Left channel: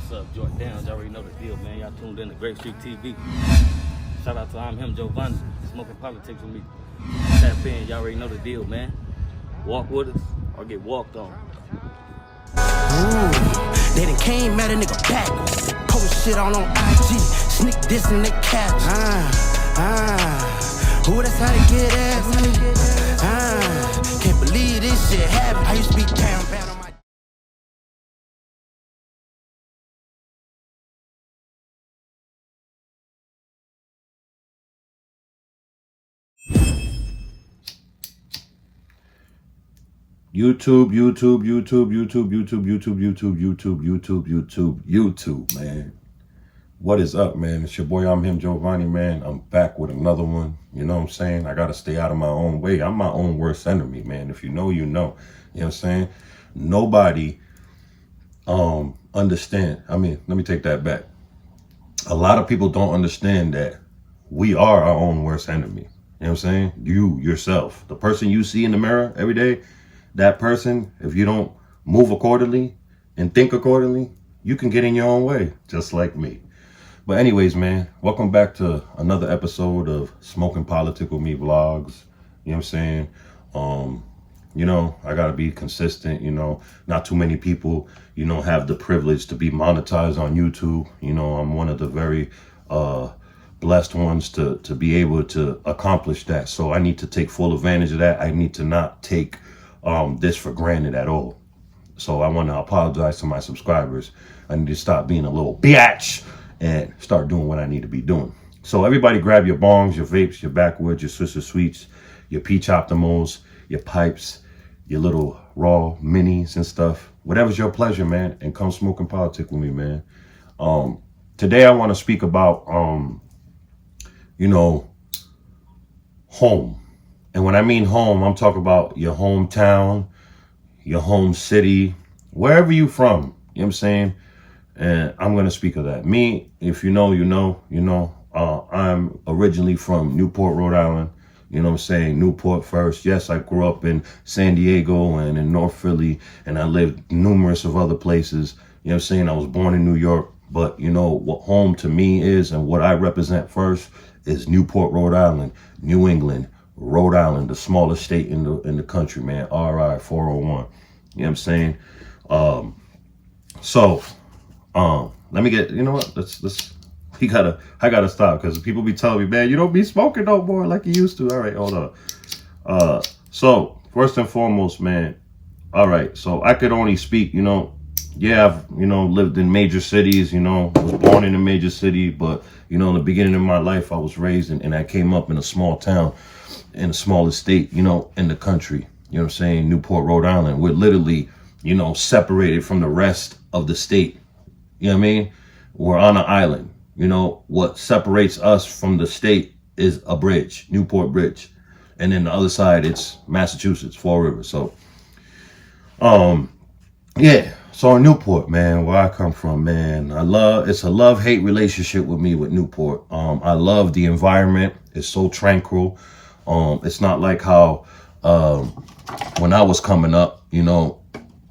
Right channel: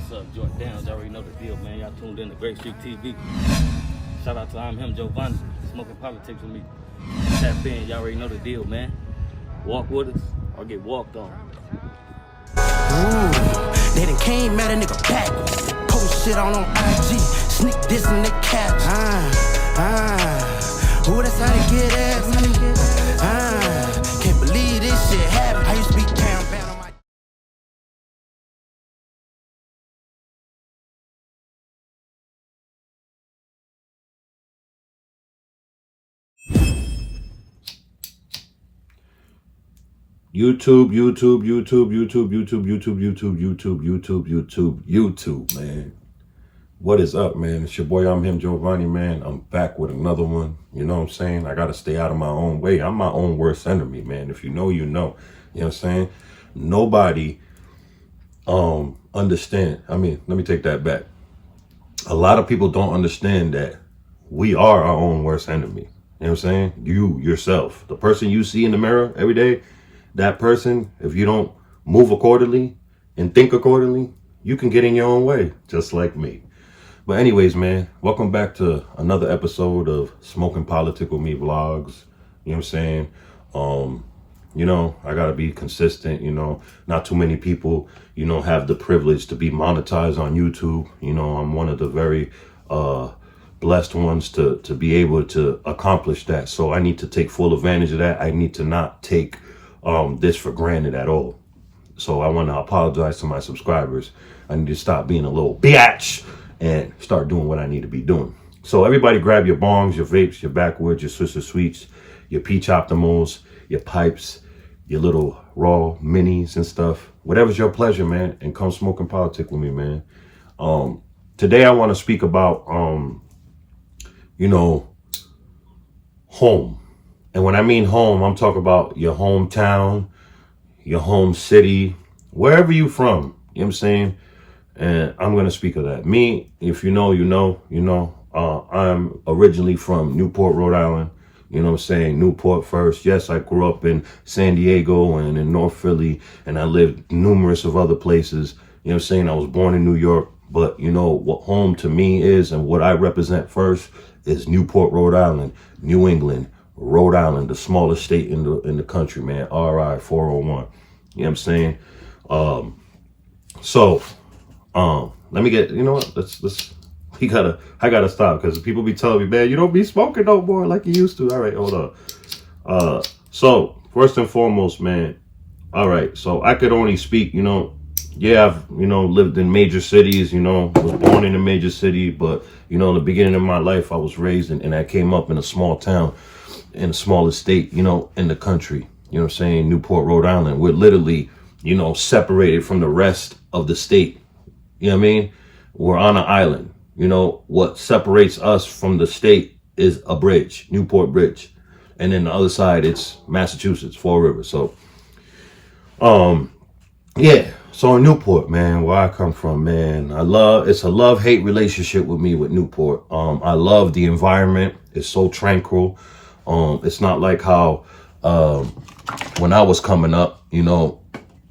What's up, Jordan Downs? Y'all already know the deal, man. Y'all tuned in to Great Street TV. Shout out to I'm him, Giovanni, smoking politics with me. Tap in, y'all already know the deal, man. Walk with us or get walked on. Ooh, they done came at a nigga backwards. Post shit on IG, sneak this in the caps. Ooh, that's how they get at me. Can't believe this shit happened. I used to be down bad on my. YouTube, man. What is up, man? It's your boy, I'm him, Giovanni, man. I'm back with another one. You know what I'm saying? I got to stay out of my own way. I'm my own worst enemy, man. If you know, you know. You know what I'm saying? Nobody understand. I mean, let me take that back. A lot of people don't understand that we are our own worst enemy. You know what I'm saying? You, yourself, the person you see in the mirror every day, that person, if you don't move accordingly and think accordingly, you can get in your own way, just like me. But anyways, man, welcome back to another episode of Smoking Politics with Me vlogs. You know what I'm saying? You know, I got to be consistent, you know, not too many people, you know, have the privilege to be monetized on YouTube. You know, I'm one of the very blessed ones to be able to accomplish that. So I need to take full advantage of that. I need to not take this for granted at all. So I want to apologize to my subscribers. I need to stop being a little biatch and start doing what I need to be doing. So everybody grab your bongs, your vapes, your backwoods, your Swisher Sweets, your peach optimals, your pipes, your little raw minis and stuff. Whatever's your pleasure, man, and come smoking politics with me, man. Today I want to speak about you know, home. And when I mean home, I'm talking about your hometown, your home city, wherever you from, you know what I'm saying? And I'm going to speak of that. Me, if you know, you know, I'm originally from Newport, Rhode Island. You know what I'm saying? Newport first. Yes, I grew up in San Diego and in North Philly, and I lived numerous of other places. You know what I'm saying? I was born in New York, but you know what home to me is and what I represent first is Newport, Rhode Island, New England, Rhode Island, the smallest state in the country, man. RI 401. You know what I'm saying? Let me get, you know what? I gotta stop because people be telling me, man, you don't be smoking no more like you used to. All right, hold on. So first and foremost, man. All right, so I could only speak, you know, yeah, I've, you know, lived in major cities, you know, was born in a major city, but, you know, in the beginning of my life, I was raised and I came up in a small town, in the smallest state, you know, in the country. You know what I'm saying? Newport, Rhode Island. We're literally, you know, separated from the rest of the state. You know what I mean? We're on an island. You know, what separates us from the state is a bridge, Newport Bridge. And then the other side, it's Massachusetts, Fall River. So, yeah. So in Newport, man, where I come from, man, it's a love-hate relationship with me with Newport. I love the environment. It's so tranquil. It's not like how when I was coming up, you know,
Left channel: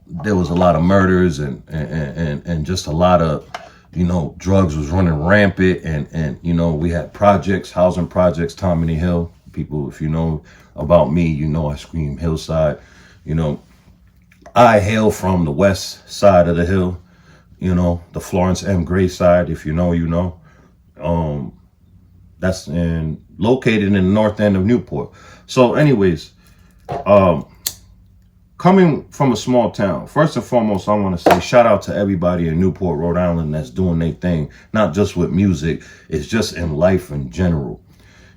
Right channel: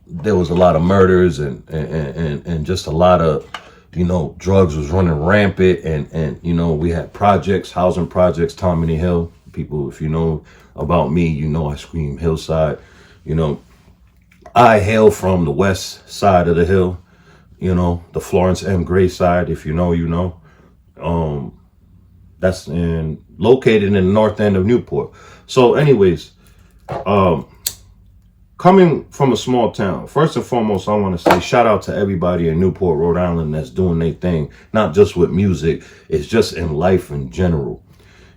there was a lot of murders and just a lot of, you know, drugs was running rampant. And you know, we had projects, housing projects, Tammany Hill. People, if you know about me, you know I scream hillside. You know, I hail from the west side of the hill, you know, the Florence M. Gray side. If you know, you know. That's located in the north end of Newport. So anyways, coming from a small town, first and foremost, I want to say shout out to everybody in Newport, Rhode Island that's doing their thing, not just with music, it's just in life in general.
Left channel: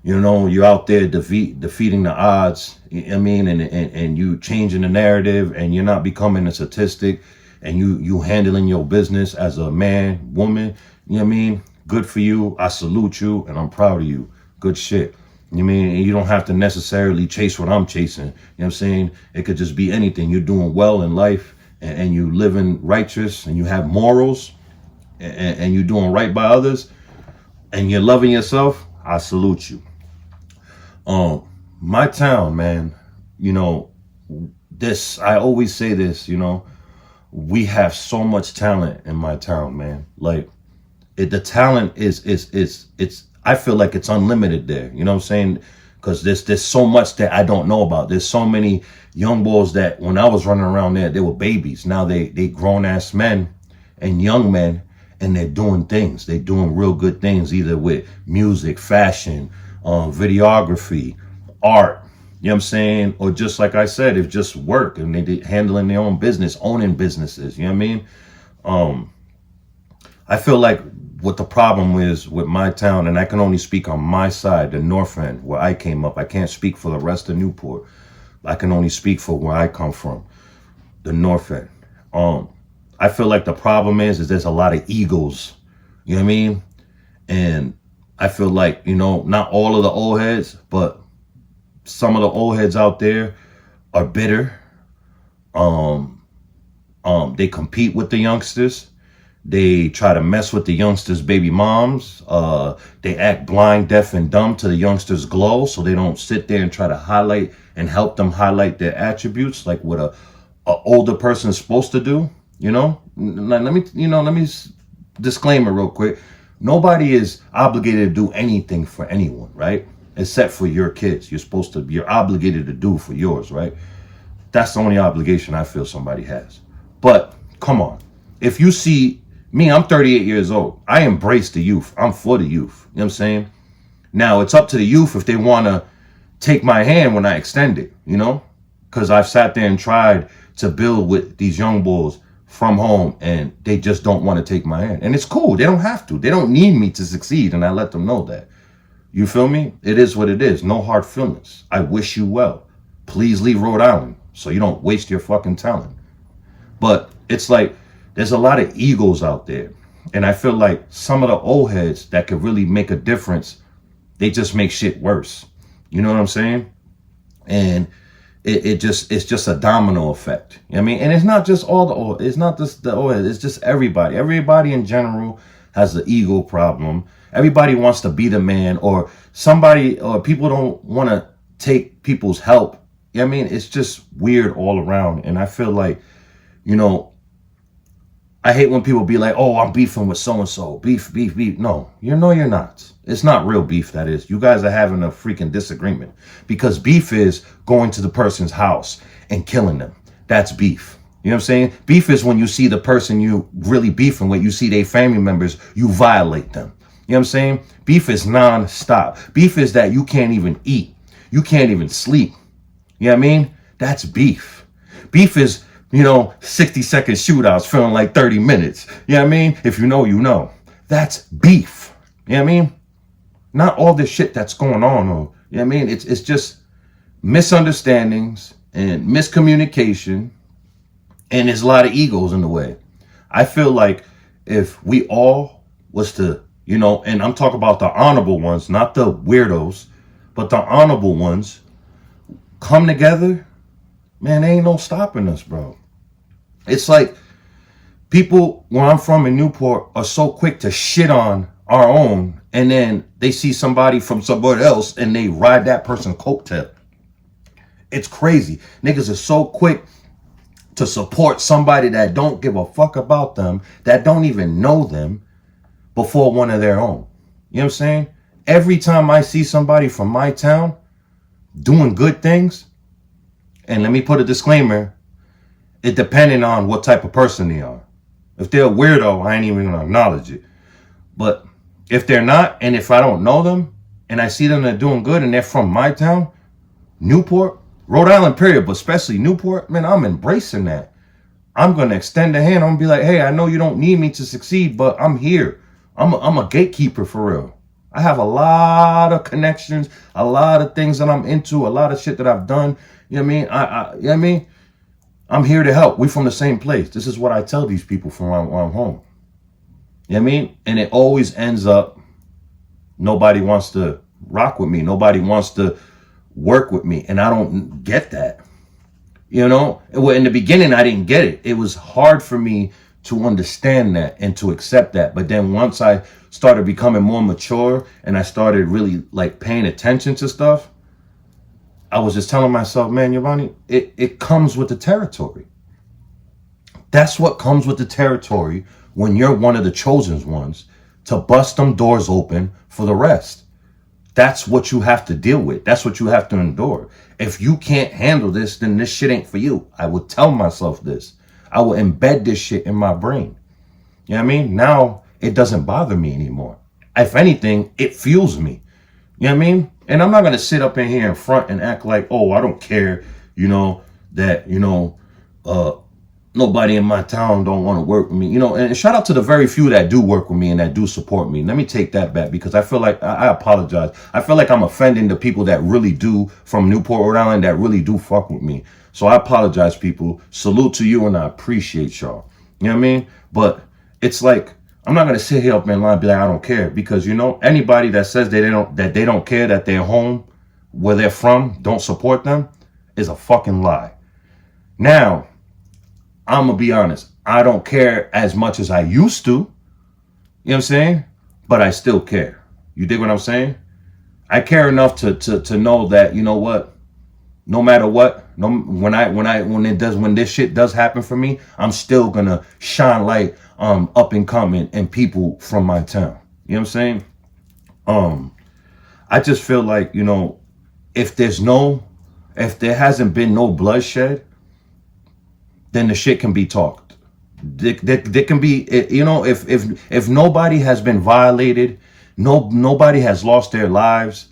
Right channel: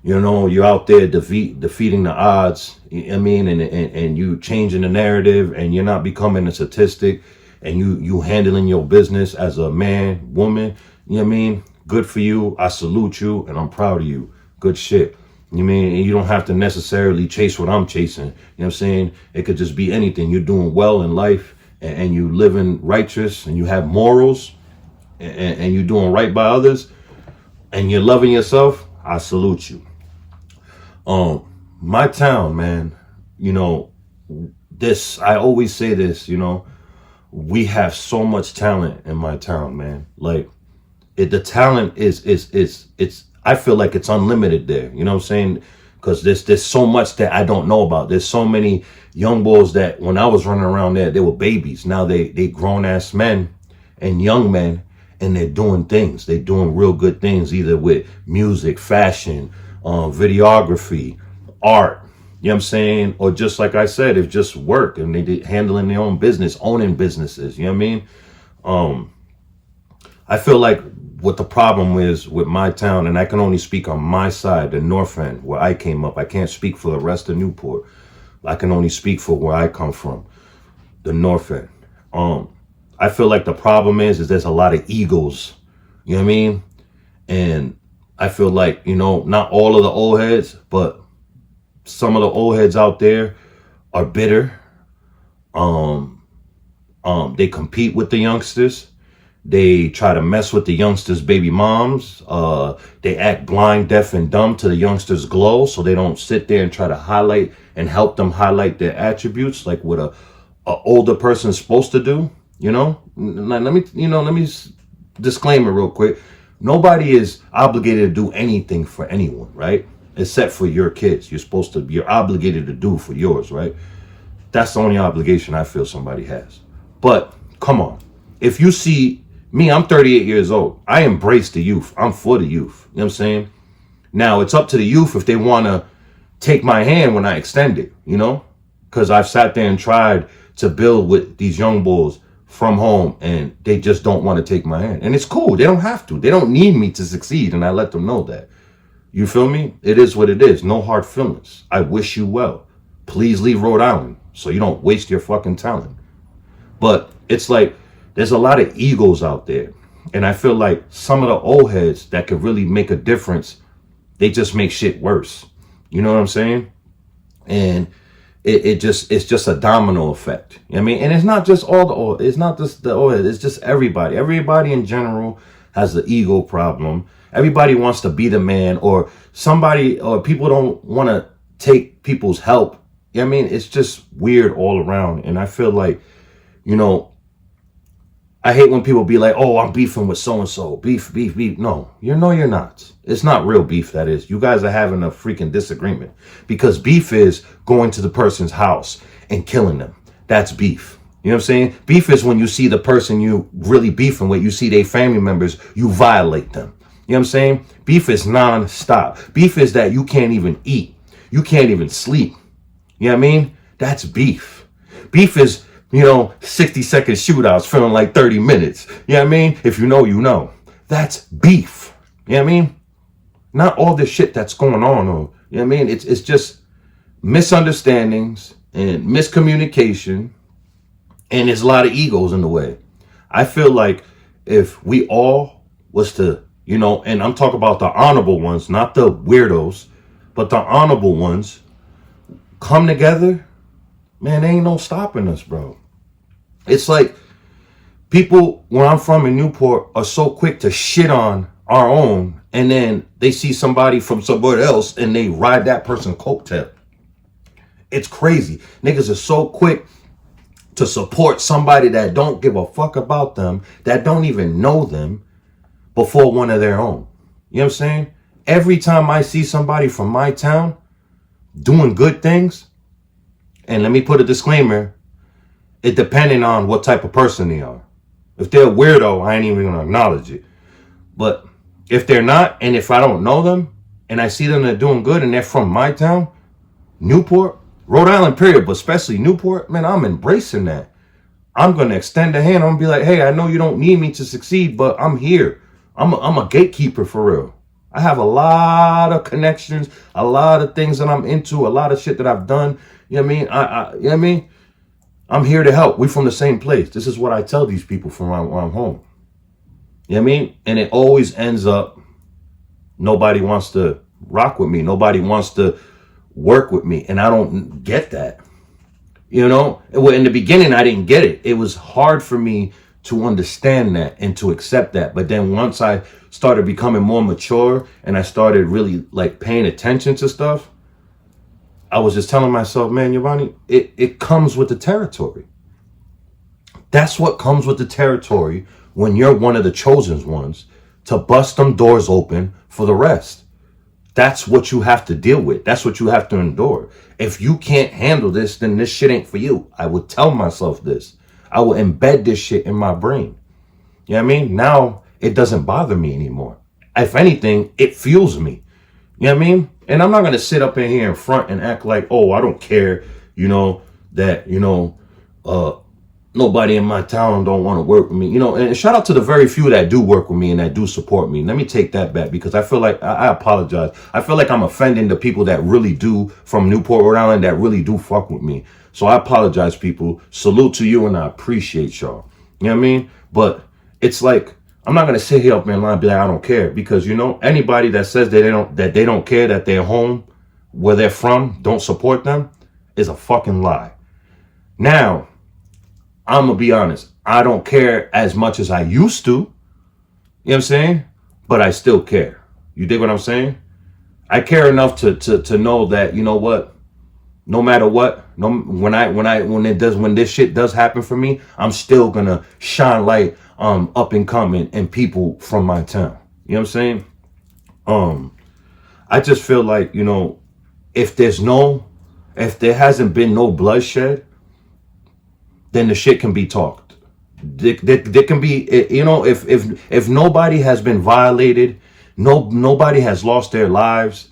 You know, you're out there defeating the odds, I mean, and you changing the narrative, and you're not becoming a statistic, and you handling your business as a man, woman, you know what I mean? Good for you. I salute you, and I'm proud of you. Good shit. You mean, you don't have to necessarily chase what I'm chasing. You know what I'm saying? It could just be anything. You're doing well in life, and you living righteous, and you have morals, and you're doing right by others, and you're loving yourself. I salute you. My town, man, you know, I always say this, you know, we have so much talent in my town, man. Like, the talent is I feel like it's unlimited there. You know what I'm saying? Because there's so much that I don't know about. There's so many young boys that when I was running around there, they were babies. Now they grown ass men and young men, and they're doing things. They're doing real good things, either with music, fashion, videography, art. You know what I'm saying? Or just like I said, it's just work, and they handling their own business, owning businesses. You know what I mean? I feel like what the problem is with my town, and I can only speak on my side, the north end, where I came up. I can't speak for the rest of Newport. I can only speak for where I come from, the north end. I feel like the problem is there's a lot of egos. You know what I mean? And I feel like, you know, not all of the old heads, but some of the old heads out there are bitter. They compete with the youngsters. They try to mess with the youngsters' baby moms. They act blind, deaf, and dumb to the youngsters' glow, so they don't sit there and try to highlight and help them highlight their attributes like what a older person is supposed to do. You know, let me disclaim it real quick. Nobody is obligated to do anything for anyone, right? Except for your kids. You're obligated to do for yours, right? That's the only obligation I feel somebody has. But come on, if you see me, I'm 38 years old. I embrace the youth. I'm for the youth. You know what I'm saying? Now it's up to the youth if they want to take my hand when I extend it, you know, because I've sat there and tried to build with these young bulls from home, and they just don't want to take my hand. And it's cool. They don't have to. They don't need me to succeed, and I let them know that. You feel me? It is what it is. No hard feelings. I wish you well. Please leave Rhode Island so you don't waste your fucking talent. But it's like there's a lot of egos out there, and I feel like some of the old heads that could really make a difference, they just make shit worse. You know what I'm saying? And it's just a domino effect. You know what I mean? And it's not just it's not just the old heads, it's just everybody. Everybody in general has the ego problem. Everybody wants to be the man, or people don't want to take people's help. You know what I mean? It's just weird all around. And I feel like, you know, I hate when people be like, oh, I'm beefing with so-and-so. Beef. No, you're not. It's not real beef, that is. You guys are having a freaking disagreement. Because beef is going to the person's house and killing them. That's beef. You know what I'm saying? Beef is when you see the person you really beefing with, you see their family members, you violate them. You know what I'm saying? Beef is non-stop. Beef is that you can't even eat. You can't even sleep. You know what I mean? That's beef. Beef is, 60-second shootouts feeling like 30 minutes. You know what I mean? If you know, you know. That's beef. You know what I mean? Not all this shit that's going on. Or, you know what I mean? It's just misunderstandings and miscommunication. And there's a lot of egos in the way. I feel like if we all was to, and I'm talking about the honorable ones, not the weirdos, but the honorable ones, come together, man, there ain't no stopping us, bro. It's like people where I'm from in Newport are so quick to shit on our own, and then they see somebody from somewhere else and they ride that person's coattail. It's crazy. Niggas are so quick to support somebody that don't give a fuck about them, that don't even know them, before one of their own. You know what I'm saying? Every time I see somebody from my town doing good things, and let me put a disclaimer, it depending on what type of person they are. If they're a weirdo, I ain't even gonna acknowledge it. But if they're not, and if I don't know them, and I see them, they're doing good, and they're from my town, Newport, Rhode Island period, but especially Newport, man, I'm embracing that. I'm gonna extend a hand. I'm gonna be like, hey, I know you don't need me to succeed, but I'm here. I'm a gatekeeper for real. I have a lot of connections, a lot of things that I'm into, a lot of shit that I've done. You know what I mean? You know what I mean? I'm here to help. We from the same place. This is what I tell these people from when I'm home. You know what I mean? And it always ends up, nobody wants to rock with me. Nobody wants to work with me. And I don't get that. Well, in the beginning, I didn't get it. It was hard for me to understand that and to accept that. But then once I started becoming more mature and I started really like paying attention to stuff, I was just telling myself, man, Giovanni, it comes with the territory. That's what comes with the territory when you're one of the chosen ones to bust them doors open for the rest. That's what you have to deal with. That's what you have to endure. If you can't handle this, then this shit ain't for you. I would tell myself this. I will embed this shit in my brain. You know what I mean? Now it doesn't bother me anymore. If anything, it fuels me. You know what I mean? And I'm not going to sit up in here in front and act like, oh, I don't care, that, nobody in my town don't want to work with me, and shout out to the very few that do work with me and that do support me. Let me take that back because I feel like I apologize. I feel like I'm offending the people that really do from Newport, Rhode Island, that really do fuck with me. So I apologize, people. Salute to you and I appreciate y'all. You know what I mean? But it's like, I'm not going to sit here up in line and be like, I don't care because, anybody that says they don't care that their home where they're from don't support them is a fucking lie. Now, I'm going to be honest. I don't care as much as I used to. You know what I'm saying? But I still care. You dig what I'm saying? I care enough to know that, you know what? No matter what, when this shit does happen for me, I'm still going to shine light up and coming and people from my town. You know what I'm saying? I just feel like, if there hasn't been no bloodshed, then the shit can be talked. There can be, if nobody has been violated, nobody has lost their lives.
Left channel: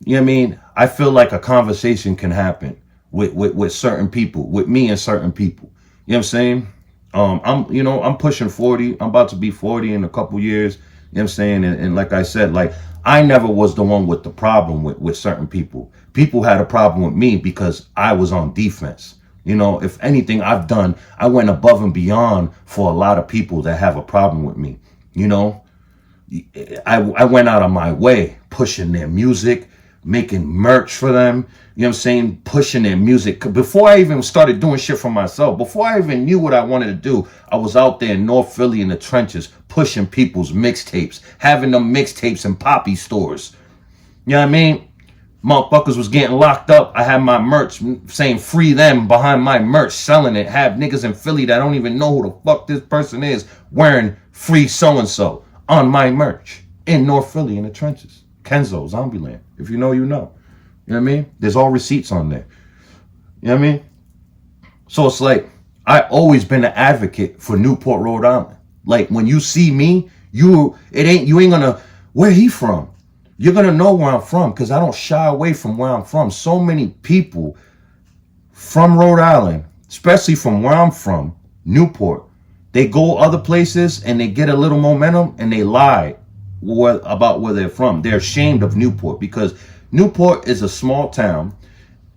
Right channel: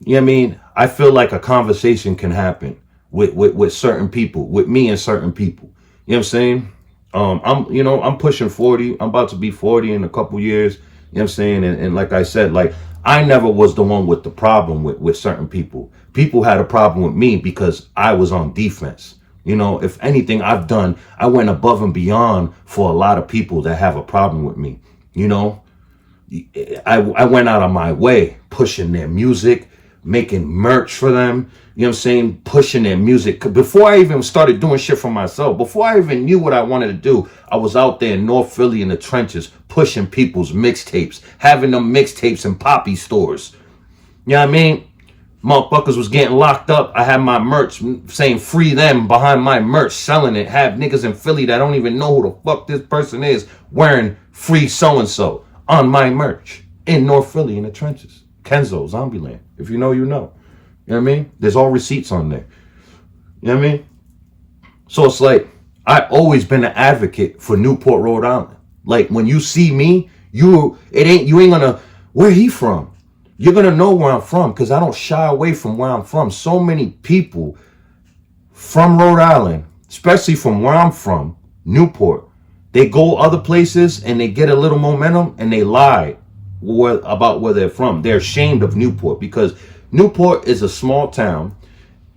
You know what I mean? I feel like a conversation can happen with certain people, with me and certain people. You know what I'm saying? I'm pushing 40. I'm about to be 40 in a couple years. You know what I'm saying? And like I said, like I never was the one with the problem with certain people. People had a problem with me because I was on defense. If anything I went above and beyond for a lot of people that have a problem with me. I went out of my way pushing their music, making merch for them, you know what I'm saying, pushing their music. Before I even started doing shit for myself, before I even knew what I wanted to do, I was out there in North Philly in the trenches, pushing people's mixtapes, having them mixtapes in poppy stores. You know what I mean? Motherfuckers was getting locked up. I had my merch saying free them behind my merch, selling it. Have niggas in Philly that don't even know who the fuck this person is wearing free so-and-so on my merch in North Philly in the trenches. Kenzo, Zombieland. If you know, you know. You know what I mean? There's all receipts on there. You know what I mean? So it's like, I always been an advocate for Newport, Rhode Island. Like when you see me, you ain't gonna, where he from? You're gonna know where I'm from because I don't shy away from where I'm from. So many people from Rhode Island, especially from where I'm from, Newport, they go other places and they get a little momentum and they lie about where they're from. They're ashamed of Newport because Newport is a small town.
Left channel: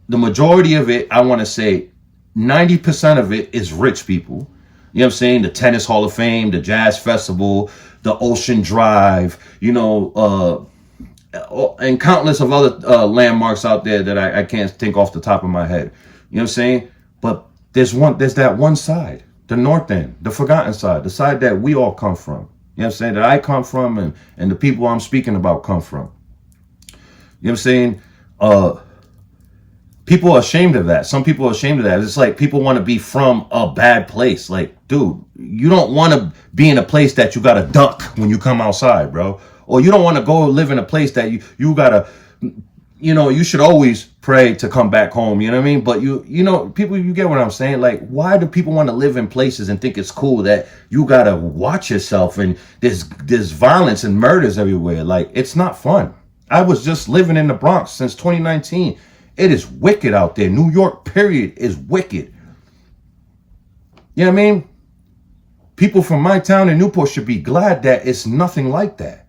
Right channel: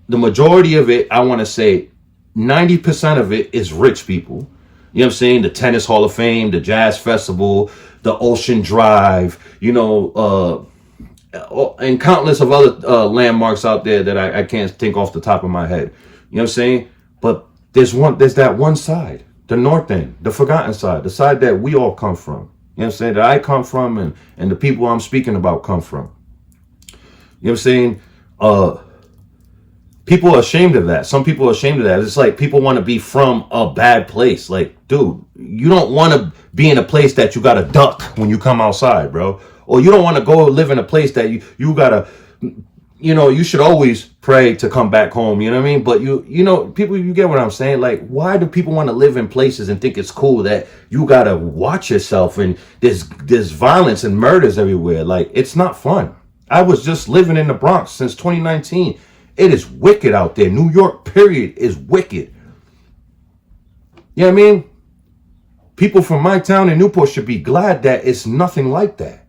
The majority of it, I want to say 90% of it is rich people. You know what I'm saying? The Tennis Hall of Fame, the Jazz Festival, the Ocean Drive, and countless of other landmarks out there that I can't think off the top of my head. You know what I'm saying? But there's that one side, the north end, the forgotten side, the side that we all come from. You know what I'm saying? That I come from and the people I'm speaking about come from. You know what I'm saying? People are ashamed of that. Some people are ashamed of that. It's like people want to be from a bad place. Like, dude, you don't want to be in a place that you got to duck when you come outside, bro. Or you don't want to go live in a place that you got to, you should always pray to come back home. You know what I mean? But people, you get what I'm saying? Like, why do people want to live in places and think it's cool that you got to watch yourself and there's violence and murders everywhere? Like, it's not fun. I was just living in the Bronx since 2019. It is wicked out there. New York, period, is wicked. You know what I mean? People from my town in Newport should be glad that it's nothing like that.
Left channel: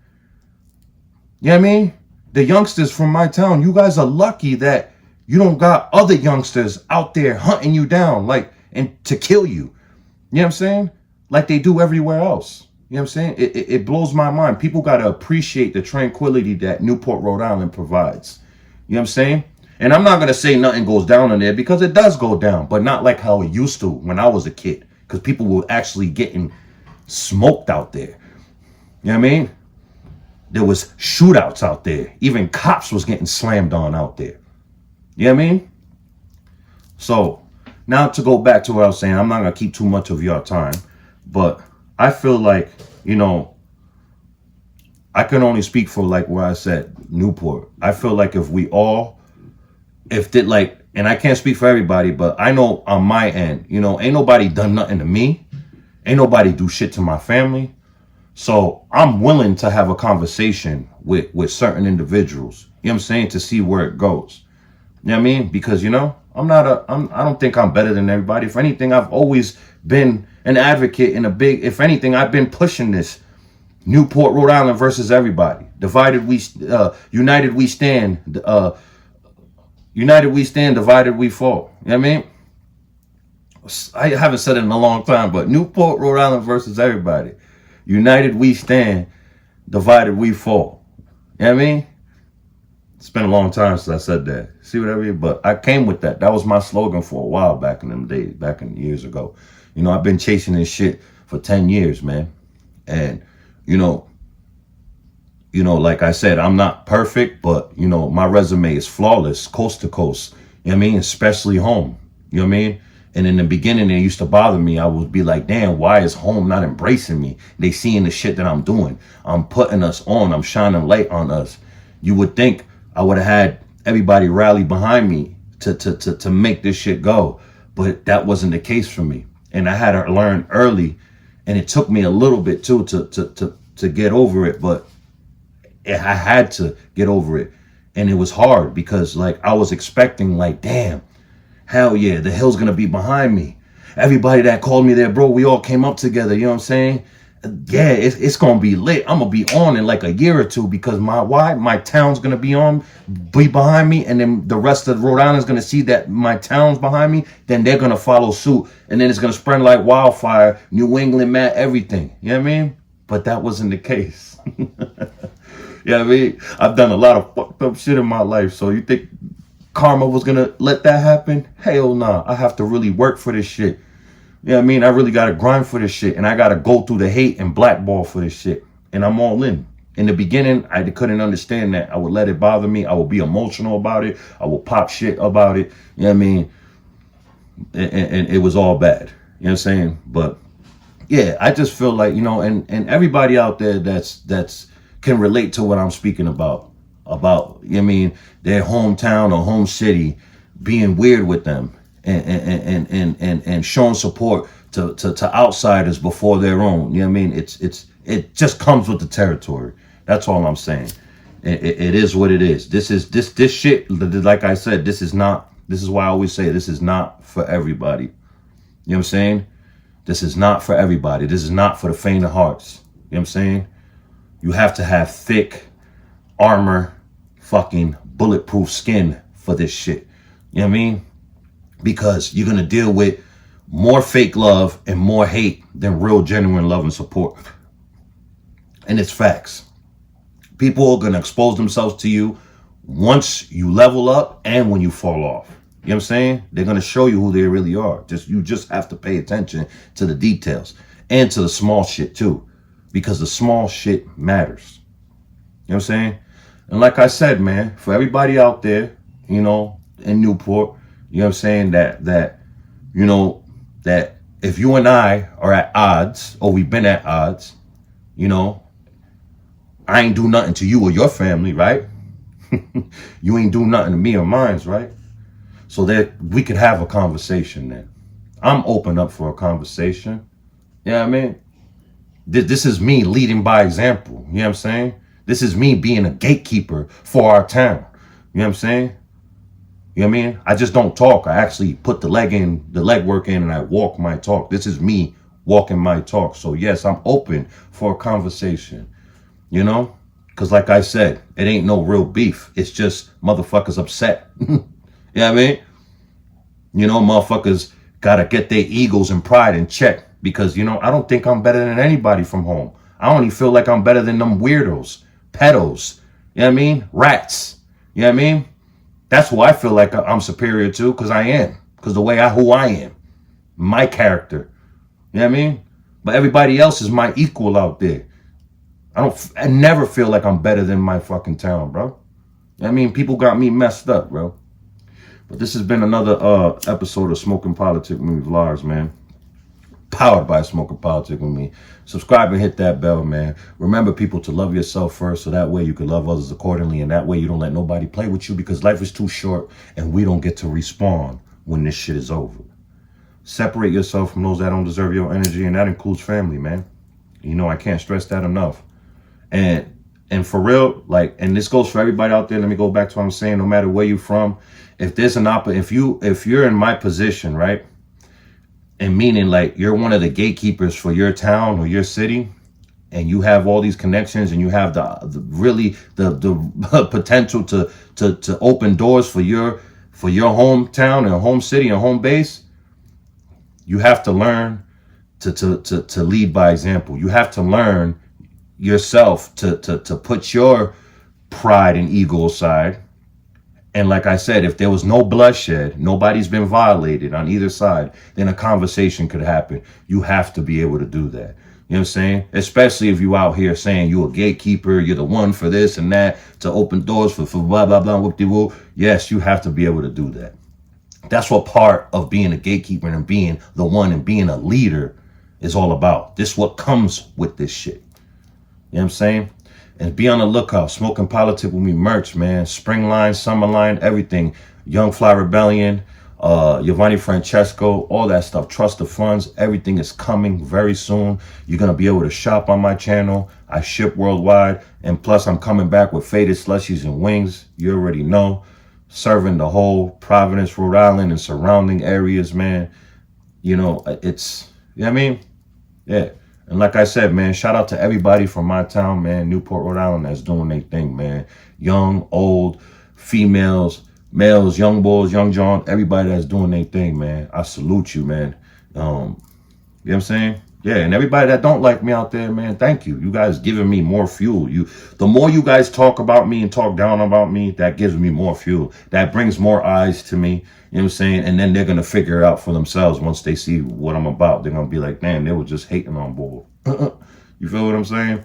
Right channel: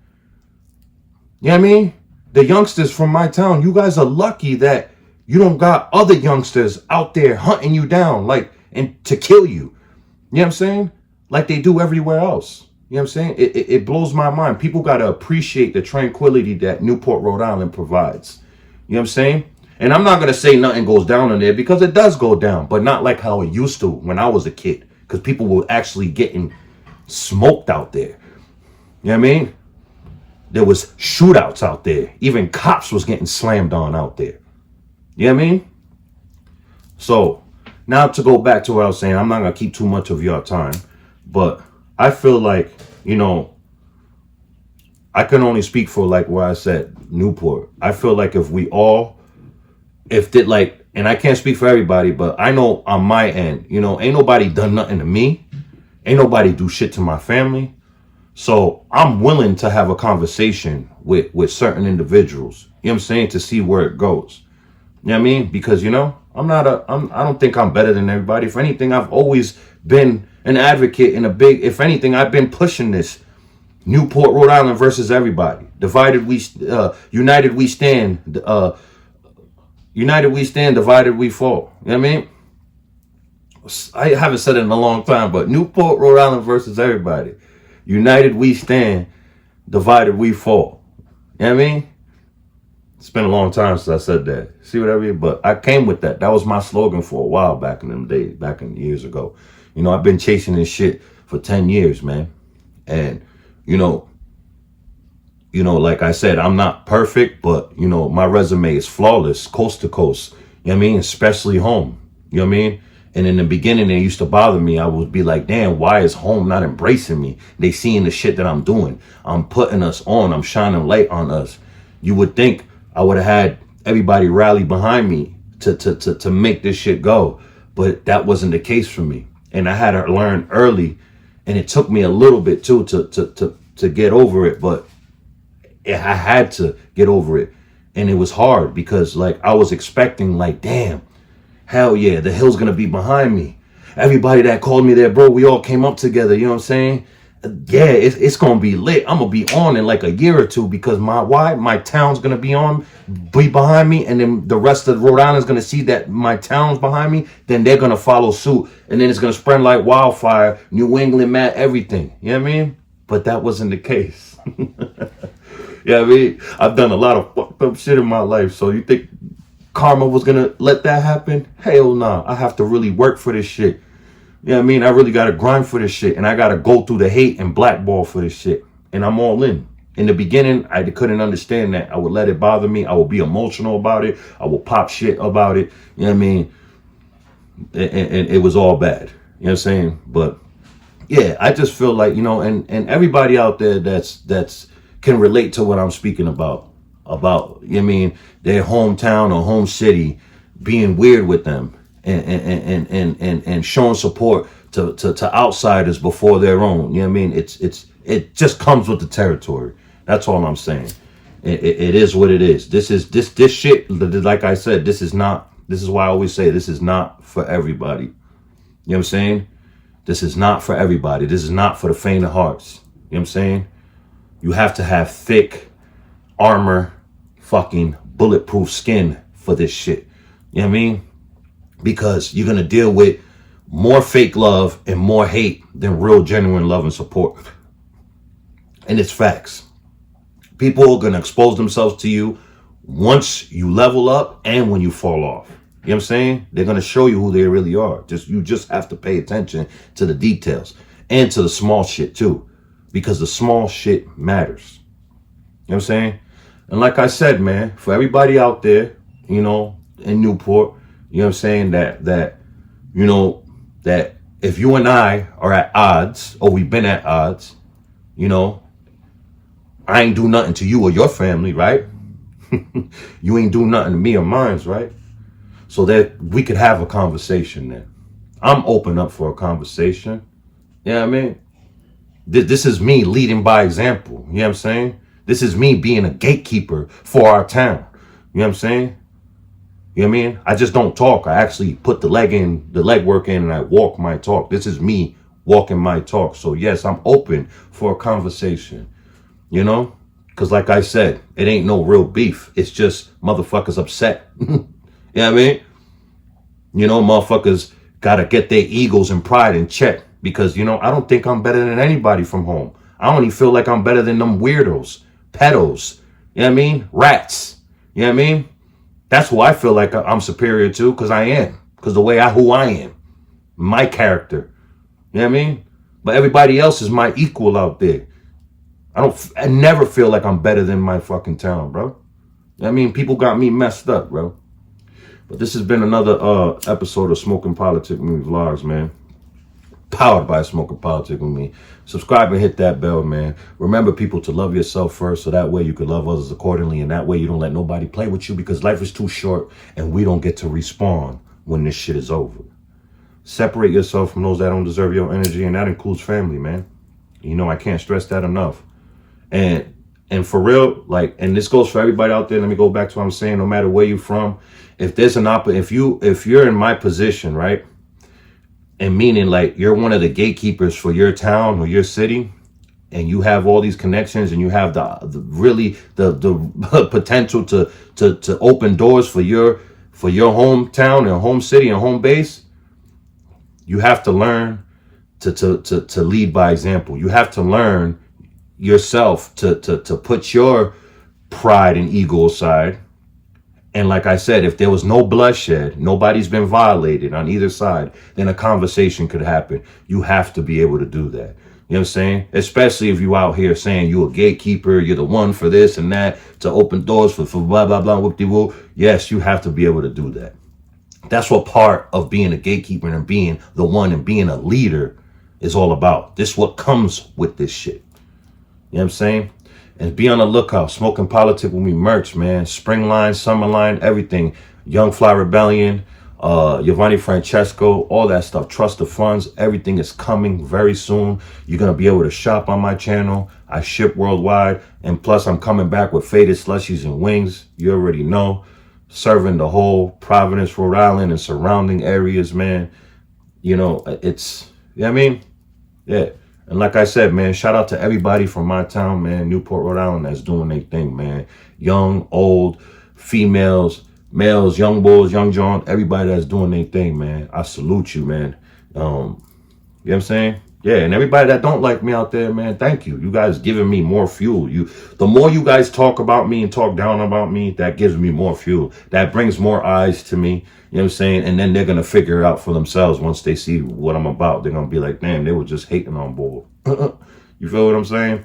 You know what I mean? The youngsters from my town, you guys are lucky that you don't got other youngsters out there hunting you down, and to kill you. You know what I'm saying? Like they do everywhere else. You know what I'm saying? It blows my mind. People got to appreciate the tranquility that Newport, Rhode Island provides. You know what I'm saying? And I'm not going to say nothing goes down in there because it does go down, but not like how it used to when I was a kid. Because people were actually getting smoked out there. You know what I mean? There was shootouts out there. Even cops was getting slammed on out there. You know what I mean? So now to go back to what I was saying, I'm not gonna keep too much of your time, but I feel like, you know, I can only speak for like where I said Newport. I feel like if we all, and I can't speak for everybody, but I know on my end, you know, ain't nobody done nothing to me. Ain't nobody do shit to my family. So I'm willing to have a conversation with certain individuals, you know what I'm saying, to see where it goes. You know what I mean? Because, you know, I don't think I'm better than everybody. If anything, I've always been an advocate if anything, I've been pushing this Newport, Rhode Island versus everybody. United we stand, united we stand, divided we fall. You know what I mean? I haven't said it in a long time, but Newport, Rhode Island versus everybody. United we stand, divided we fall. You know what I mean? It's been a long time since I said that. See what I mean? But I came with that. That was my slogan for a while back in them days, back in years ago. You know, I've been chasing this shit for 10 years, man. And, you know, like I said, I'm not perfect, but, you know, my resume is flawless, coast to coast. You know what I mean? Especially home. You know what I mean? And in the beginning, it used to bother me. I would be like, damn, why is home not embracing me? They seeing the shit that I'm doing. I'm putting us on. I'm shining light on us. You would think I would have had everybody rally behind me to make this shit go. But that wasn't the case for me. And I had to learn early. And it took me a little bit, too, to get over it. But I had to get over it. And it was hard because, like, I was expecting, like, damn, hell yeah, the hill's going to be behind me. Everybody that called me there, bro, we all came up together. You know what I'm saying? Yeah, it's going to be lit. I'm going to be on in like a year or two because my town's going to be behind me. And then the rest of Rhode Island is going to see that my town's behind me. Then they're going to follow suit. And then it's going to spread like wildfire. New England, man, everything. You know what I mean? But that wasn't the case. You know what I mean? I've done a lot of fucked up shit in my life. So you think karma was going to let that happen? Hell nah. I have to really work for this shit. You know what I mean? I really got to grind for this shit. And I got to go through the hate and blackball for this shit. And I'm all in. In the beginning, I couldn't understand that. I would let it bother me. I would be emotional about it. I would pop shit about it. You know what I mean? And it was all bad. You know what I'm saying? But yeah, I just feel like, you know, and everybody out there that's can relate to what I'm speaking about, you know what I mean, their hometown or home city being weird with them. And showing support to outsiders before their own. You know what I mean? It just comes with the territory. That's all I'm saying. It is what it is. This shit, like I said, this is why I always say this is not for everybody. You know what I'm saying? This is not for everybody. This is not for the faint of hearts. You know what I'm saying? You have to have thick armor, fucking bulletproof skin for this shit. You know what I mean? Because you're going to deal with more fake love and more hate than real, genuine love and support. And it's facts. People are going to expose themselves to you once you level up and when you fall off. You know what I'm saying? They're going to show you who they really are. You just have to pay attention to the details and to the small shit too. Because the small shit matters. You know what I'm saying? And like I said, man, for everybody out there, you know, in Newport, you know what I'm saying, that, you know, that if you and I are at odds, or we've been at odds, you know, I ain't do nothing to you or your family, right? You ain't do nothing to me or mine's, right? So that we could have a conversation then. I'm open up for a conversation. You know what I mean? This is me leading by example. You know what I'm saying? This is me being a gatekeeper for our town. You know what I'm saying? You know what I mean? I just don't talk. I actually put the legwork in, and I walk my talk. This is me walking my talk. So yes, I'm open for a conversation, you know? Because like I said, it ain't no real beef. It's just motherfuckers upset. You know what I mean? You know, motherfuckers got to get their egos and pride in check. Because, you know, I don't think I'm better than anybody from home. I don't even feel like I'm better than them weirdos, pedos, you know what I mean? Rats, you know what I mean? That's who I feel like I'm superior to, because I am. Because who I am. My character. You know what I mean? But everybody else is my equal out there. I never feel like I'm better than my fucking town, bro. You know what I mean? People got me messed up, bro. But this has been another episode of Smoking Politics with Me Vlogs, man. Powered by Smoking Politics with Me. Subscribe and hit that bell, man. Remember, people, to love yourself first, so that way you can love others accordingly, and that way you don't let nobody play with you, because life is too short and we don't get to respawn when this shit is over. Separate yourself from those that don't deserve your energy, and that includes family, man. You know, I can't stress that enough. And for real, like, and this goes for everybody out there. Let me go back to what I'm saying. No matter where you're from, if there's an if you're in my position, right? And meaning, like, you're one of the gatekeepers for your town or your city, and you have all these connections, and you have the potential to open doors for your hometown and home city and home base. You have to learn to lead by example. You have to learn yourself to put your pride and ego aside. And like I said, if there was no bloodshed, nobody's been violated on either side, then a conversation could happen. You have to be able to do that. You know what I'm saying? Especially if you out here saying you're a gatekeeper, you're the one for this and that, to open doors for blah, blah, blah, whoop-de-whoop. Yes, you have to be able to do that. That's what part of being a gatekeeper and being the one and being a leader is all about. This is what comes with this shit. You know what I'm saying? And be on the lookout. Smoking Politics with Me merch, man. Spring line, summer line, everything. Young Fly Rebellion, Giovanni Francesco, all that stuff. Trust the funds. Everything is coming very soon. You're going to be able to shop on my channel. I ship worldwide. And plus, I'm coming back with faded slushies and wings. You already know. Serving the whole Providence, Rhode Island and surrounding areas, man. You know, it's, you know what I mean? Yeah. And like I said, man, shout out to everybody from my town, man, Newport, Rhode Island, that's doing their thing, man. Young, old, females, males, young boys, young John, everybody that's doing their thing, man. I salute you, man. You know what I'm saying? Yeah, and everybody that don't like me out there, man, thank you. You guys giving me more fuel. The more you guys talk about me and talk down about me, that gives me more fuel. That brings more eyes to me. You know what I'm saying? And then they're going to figure it out for themselves once they see what I'm about. They're going to be like, damn, they were just hating on board. You feel what I'm saying?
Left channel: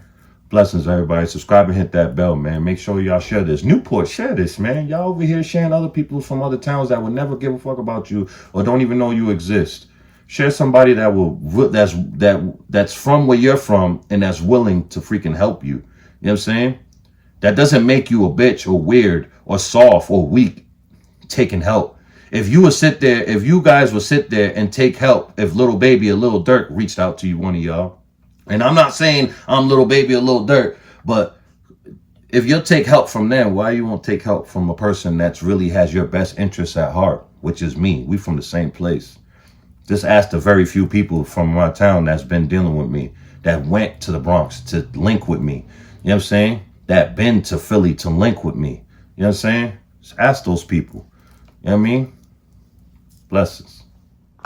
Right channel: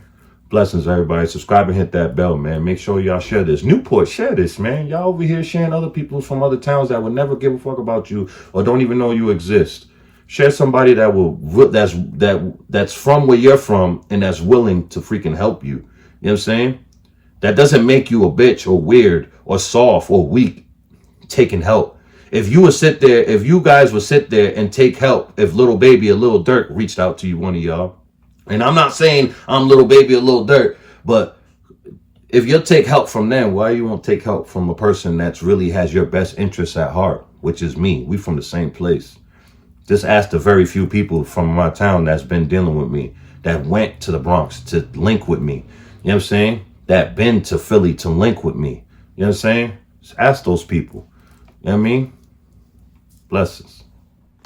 Blessings, everybody. Subscribe and hit that bell, man. Make sure y'all share this. Newport, share this, man. Y'all over here sharing other people from other towns that would never give a fuck about you or don't even know you exist. Share somebody that's from where you're from and that's willing to freaking help you. You know what I'm saying? That doesn't make you a bitch or weird or soft or weak taking help. If you guys would sit there and take help, if Little Baby or Lil Durk reached out to you, one of y'all, and I'm not saying I'm Little Baby or Lil Durk, but if you'll take help from them, why you won't take help from a person that's really has your best interests at heart, which is me. We from the same place. Just ask the very few people from my town that's been dealing with me, that went to the Bronx to link with me. You know what I'm saying? That been to Philly to link with me. You know what I'm saying? Just ask those people. You know what I mean? Blessings.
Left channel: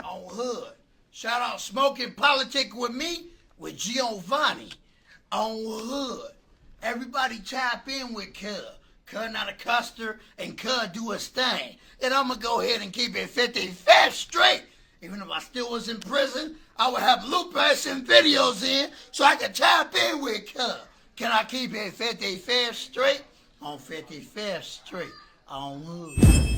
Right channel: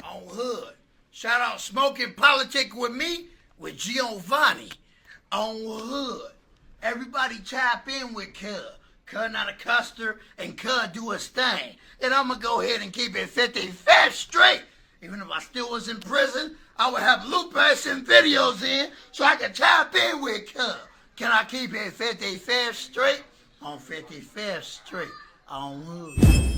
On Hood. Shout out Smoking Politics with Me with Giovanni. On Hood. Everybody chime in with Cuz. Cuz not a custer and Cuz do his thing. And I'm going to go ahead and keep it 55 straight. Even if I still was in prison, I would have loopers and videos in so I could chime in with Cuz. Can I keep it 55 straight? On 55th Street. On Hood.